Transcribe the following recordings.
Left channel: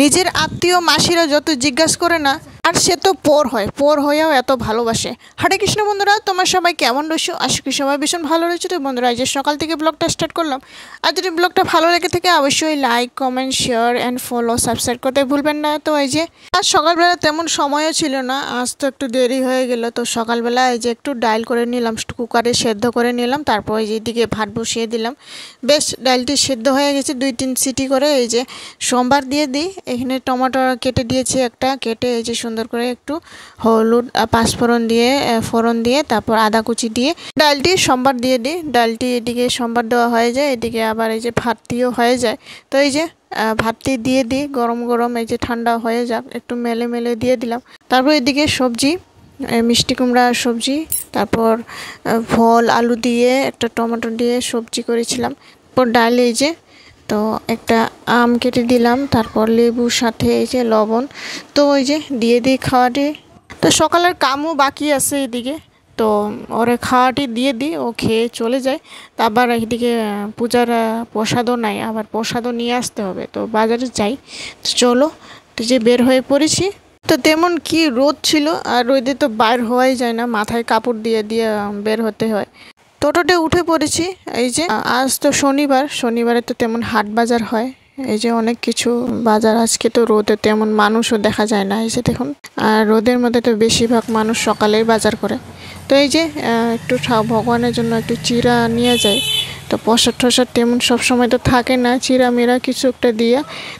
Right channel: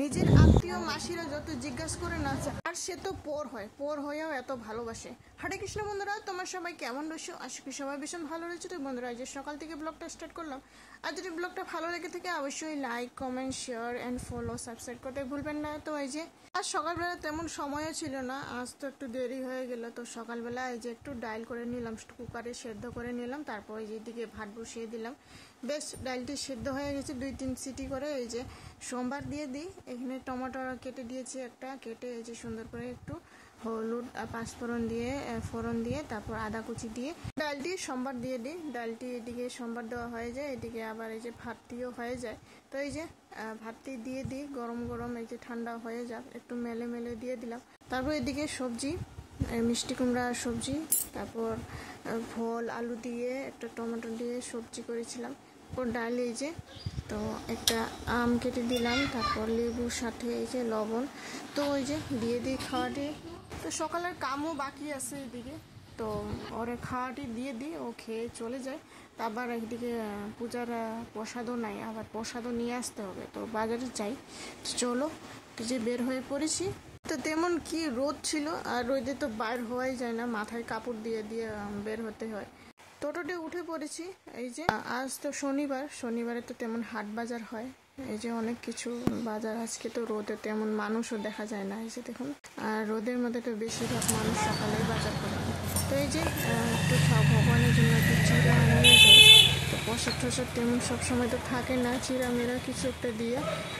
নিজের আত্মীয় মাসিরা যত জিজ্ঞাসা করে না, আর সে তো পর হয়েও এত ভালোবাসে। হরে কৃষ্ণ বন্ধুরা, তোমার সবাই কেমন রয়েছো? আশা করি সবাই ভীষণ ভালো রয়েছে। তো বন্ধুরা, আজ সকাল থেকে ব্লগটা স্টার্ট করলাম। আর যদি ব্লগটা ভালো লেগে থাকে অবশ্যই like, comment, share and follow, subscribe করতে ভুলবেন না। তো এই যে আজ সকালবেলা তেমন সময়ও ছিল না, আজ তো একটু দেরি হয়ে গেল। তো সকালবেলা এই যে একটু ডাল করে নিলাম, কুকারে সেদ্ধ করে নিলাম, তারপর এই যে এদিকে ভাত বসিয়ে দিলাম। বেশ ডালটি সেদ্ধ হয়ে গেছে, 2-3 সিটি করে। এই যে সোমবার দিয়ে দিই। এখানে টমেটো কেটে দিয়েছি, একটা কেটে এই যে সুন্দর করে একটু হলুদ পাঁচফোড়ন দিয়ে ফোড়ন দিয়ে তারপর আদা কুচি দিয়ে ডালটি সোমবার দিয়ে দিই। ডালটি এদিকে সোমবার দেওয়া হয়ে যায়, এদিকে আবার এই যে ভাতটিও হয়ে যায়। তো এই যে ভাতটি দিয়ে দিই, গরম গরম এই যে ঠান্ডা হয়ে যাক, একটু মেলে মেলে দিয়ে দিলাম। তারপর এদিকে সবজি, মিষ্টি কুমড়া সবজি, তারপর ফল আলু দিয়ে একটা টমেটো দিয়ে সবজি করেছিলাম। তারপর ডাল এই যে, তো একটা আম কেটে দিলাম, তারপর লেবুর সাথে এই যে লবণ। তো ওই যে দিয়ে দিই খাওয়াটি। তো সকালের কামও বাকি আছে এদিকে, তো ওরে খাওয়াটি দিয়ে দিই, ও খেয়ে চলে যায়। তা আবার এদিকে পূজার প্রসাদও নাই, আবার প্রসাদও নিয়ে আসতে হবে, তো বাজারে যাই। তো চলো, তো যে বের হয়ে পড়েছি। তো তেমন কি রোদ ছিল, আর রোদে তো বাইর হওয়াই যায় না, মাথায় কাপড় দিয়ে দিয়ে বের হতে হয়। টোটোতে উঠে পড়েছি। এই যে আজ তো শনিবারে তো তেমন হাট বাজার হয়। এই যে অনেক কিছু বাজার, আজকে তো রোদে তেমন মানুষও দেখা যায় না। এই যে দেখুন, আর রোদের মধ্যে তো বেশিরভাগ মানুষ সকালেই বাজার করে। তো এই যে একটু ভগবানের জন্য একটু চিরা নিয়ে যায়। তো প্রসাদ টসাদ তেমন সবসময় তো থাকে না, চিরা মেরা কিছু একটা দিয়ে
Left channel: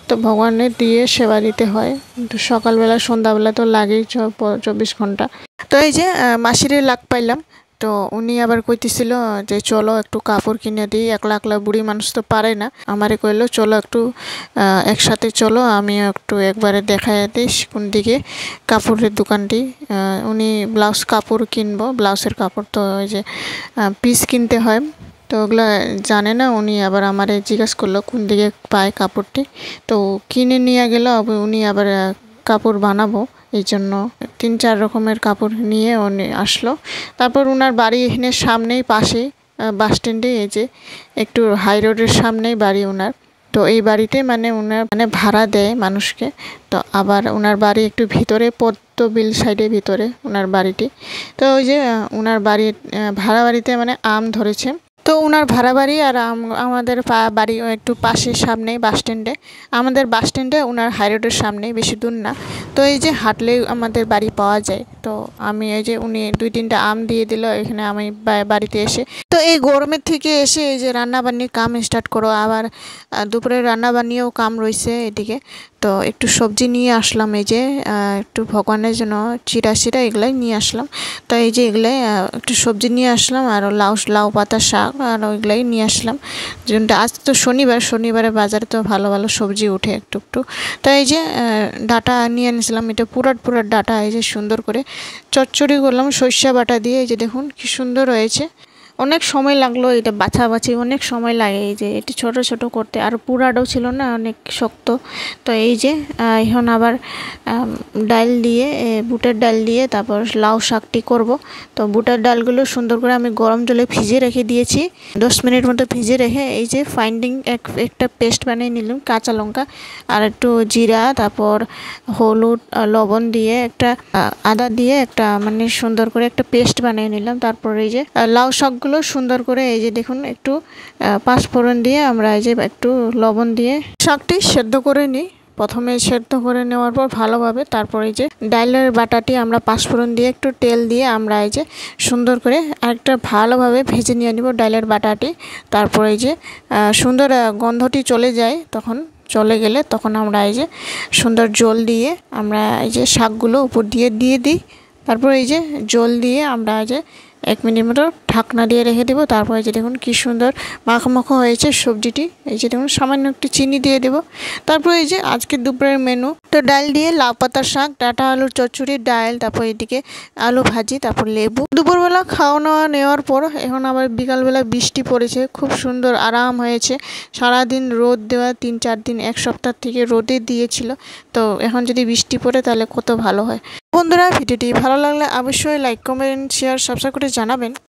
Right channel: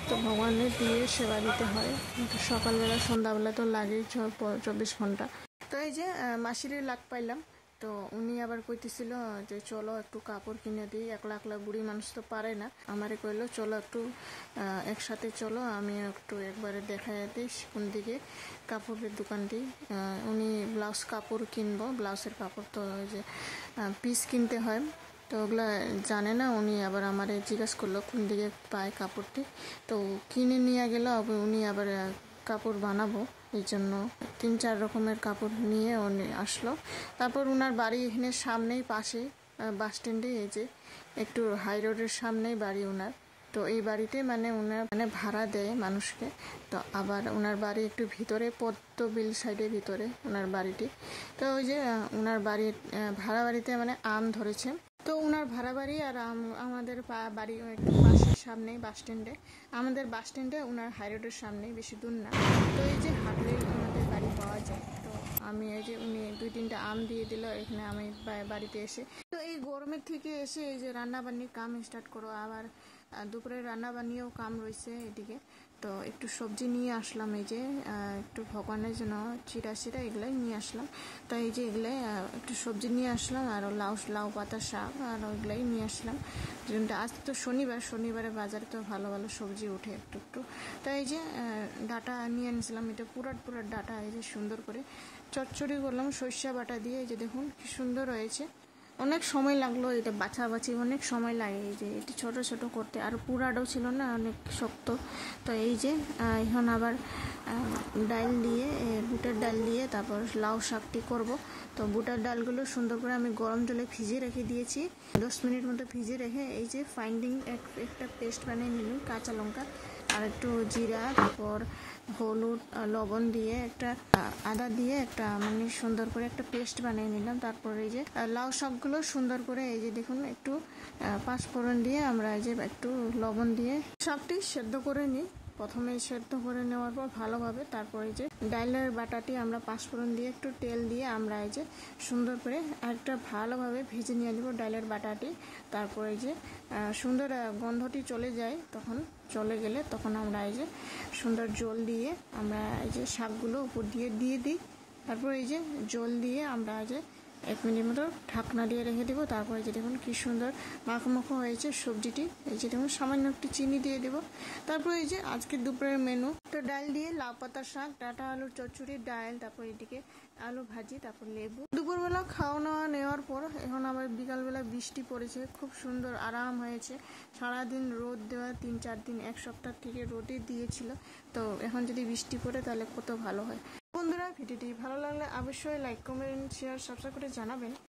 তো ভগবানের দিয়ে সেবা দিতে হয়। তো সকালবেলা সন্ধ্যাবেলা তো লাগেই 24 ঘন্টা। তো এই যে মাসিরে লাগ পাইলাম। তো উনি আবার কইতেছিল যে চলো একটু কাপড় কিনে দিই, একলা একলা বুড়ি মানুষ তো পারে না। আমারে কইলো চলো একটু একসাথে চলো, আমিও একটু একবারে দেখাই দিস কোন দিকে কাপড়ের দোকানটি। উনি ব্লাউজ কাপড় কিনবো, ব্লাউজের কাপড়, তো ওই যে পিস কিনতে হয়, তো ওগুলো জানে না। উনি আবার আমারে জিজ্ঞাসা করলো কোন দিকে পায় কাপড়টি, তো কিনে নিয়ে গেল। উনি আবার কাপড় বানাবো, এই জন্য 3-4 রকমের কাপড় নিয়ে উনি আসলো। তারপর ওনার বাড়ি এখানে সামনেই, পাশেই বাস স্ট্যান্ডে, এই যে একটু হাই রোডের সামনেই বাড়ি ওনার। তো এই বাড়িতে মানে ওনার মানে ভাড়া দেয় মানুষকে। তো আবার ওনার বাড়ি একটু ভিতরে, পদ্মবিল সাইডে ভিতরে ওনার বাড়িটি। তো ওই যে ওনার বাড়ির ভাড়া বাড়িতে মানে আম ধরেছে। তো ওনার ভাড়া বাড়ি আর আমাদের বাড়ি একটু পাশের সামনেই বাস স্ট্যান্ডে। আমাদের বাস স্ট্যান্ডে ওনার হাই রোডের সামনেই, বেশি দূর না। তো এই যে হাঁটলেই আমাদের বাড়ি পাওয়া যায়। তো আমি এই যে উনি 2-3টা আম দিয়ে দিল এখানে আমি বাড়িতে এসে। তো এই গরমের থেকে এসে এই যে রান্নাবান্নির কাম স্টার্ট করো, আবার দুপুরে রান্নাবান্নিও কাম রয়েছে এদিকে। তো একটু সবজি নিয়ে আসলাম, এই যে একটু ভগবানের জন্য চিরা শিরা এগুলাই নিয়ে আসলাম। তো এই যে এগুলাই একটু সবজি নিয়ে আসলাম, আর লাউ পাতা শাক আর ওইগুলাই নিয়ে আসলাম। যেটা আজ তো শনিবারে বাজারে তো ভালো ভালো সবজি উঠে একটু একটু। তো এই যে ডাটা নিয়ে এনেছিলাম, এটা পুরাট ডাটা। এই যে সুন্দর করে চচ্চড়ি করলাম সর্ষে বাটা দিয়ে। এই যে দেখুন কি সুন্দর হয়েছে। অনেক সময় লাগলো, এটা বাছাবাছি অনেক সময় লাগে এই যে এটি ছোট ছোট করতে, আর পুরাটাও ছিল না, অনেক শক্ত। তো এই যে এখন আবার ডাল দিয়ে, বুটের ডাল দিয়ে তারপর লাউ শাকটি করব। তো বুটের ডালগুলো সুন্দর করে আমি গরম জলে ভিজিয়ে রেখে দিয়েছি, 10 মিনিট মতো ভিজিয়ে রেখে এই যে ফাইন্ডিং একটা পেস্ট বানিয়ে নিলাম। কাঁচা লঙ্কা আর একটু জিরা, তারপর হলুদ লবণ দিয়ে একটা আদা দিয়ে একটা মানে সুন্দর করে একটা পেস্ট বানিয়ে নিলাম। তারপর এই যে লাউ শাকগুলো সুন্দর করে এই যে দেখুন একটু পাঁচফোড়ন দিয়ে আমরা এই যে একটু লবণ দিয়ে শাকটি সেদ্ধ করে নিই। প্রথমে সেদ্ধ করে নেওয়ার পর ভালোভাবে, তারপর এই যে ডালের বাটাটি আমরা পাঁচফোড়ন দিয়ে একটু তেল দিয়ে আমরা এই যে সুন্দর করে আরেকটা ভালোভাবে ভেজে নিয়ে নিব ডালের বাটাটি। তারপর এই যে সুন্দর গন্ধটি চলে যায়, তখন চলে গেলে তখন আমরা এই যে সুন্দর জল দিয়ে আমরা এই যে শাকগুলো উপর দিয়ে দিই। তারপর এই যে জল দিয়ে আমরা এই যে 1 মিনিট মতো ঢাকনা দিয়ে রেখে দেবো। তারপর এই যে দেখুন কি সুন্দর মাখো হয়েছে সবজিটি। এই যে দেখুন সামান্য একটু চিনি দিয়ে দেবো। তারপর এই যে আজকের দুপুরের মেনু, তো ডাল দিয়ে লাউ পাতার শাক, ডাঁটা আলুর চচ্চড়ি, ডাল, তারপর এদিকে আলু ভাজি, তারপর লেবু। দুপুরবেলা খাওয়া নেওয়ার পর এখন আবার বিকালবেলা বৃষ্টি পড়েছে, খুব সুন্দর আরাম হয়েছে। সারাদিন রোদ দেওয়া, 3-4 দিন 1 সপ্তাহ থেকে রোদে দিয়েছিল। তো এখন যদি বৃষ্টি পড়ে তাহলে কত ভালো হয়। বন্ধুরা, ভিডিওটি ভালো লাগলে অবশ্যই লাইক, কমেন্ট, শেয়ার, সাবস্ক্রাইব করে জানাবেন।